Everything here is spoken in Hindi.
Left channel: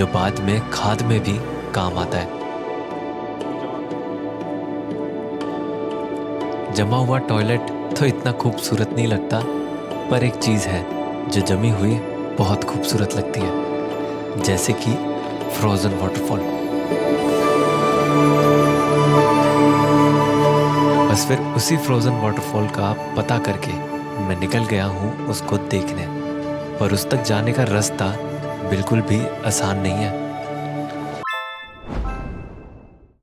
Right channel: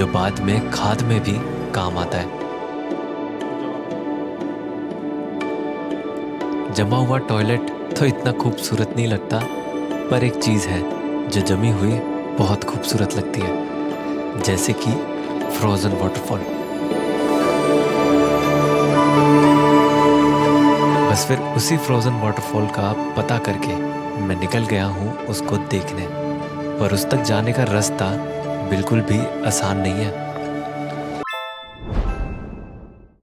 जो बाद में खाद में भी काम आता है। जमा हुआ टॉयलेट तो इतना खूबसूरत नहीं लगता, पर एक चीज है जो जमी हुई बहुत खूबसूरत लगती है, जैसे कि फ्रोजन वाटरफॉल। बस फिर उसी फ्रोजन वाटरफॉल का पता करके मैं निकल गया हूँ उसको देखने। पर उस तक जाने का रास्ता बिल्कुल भी आसान नहीं है।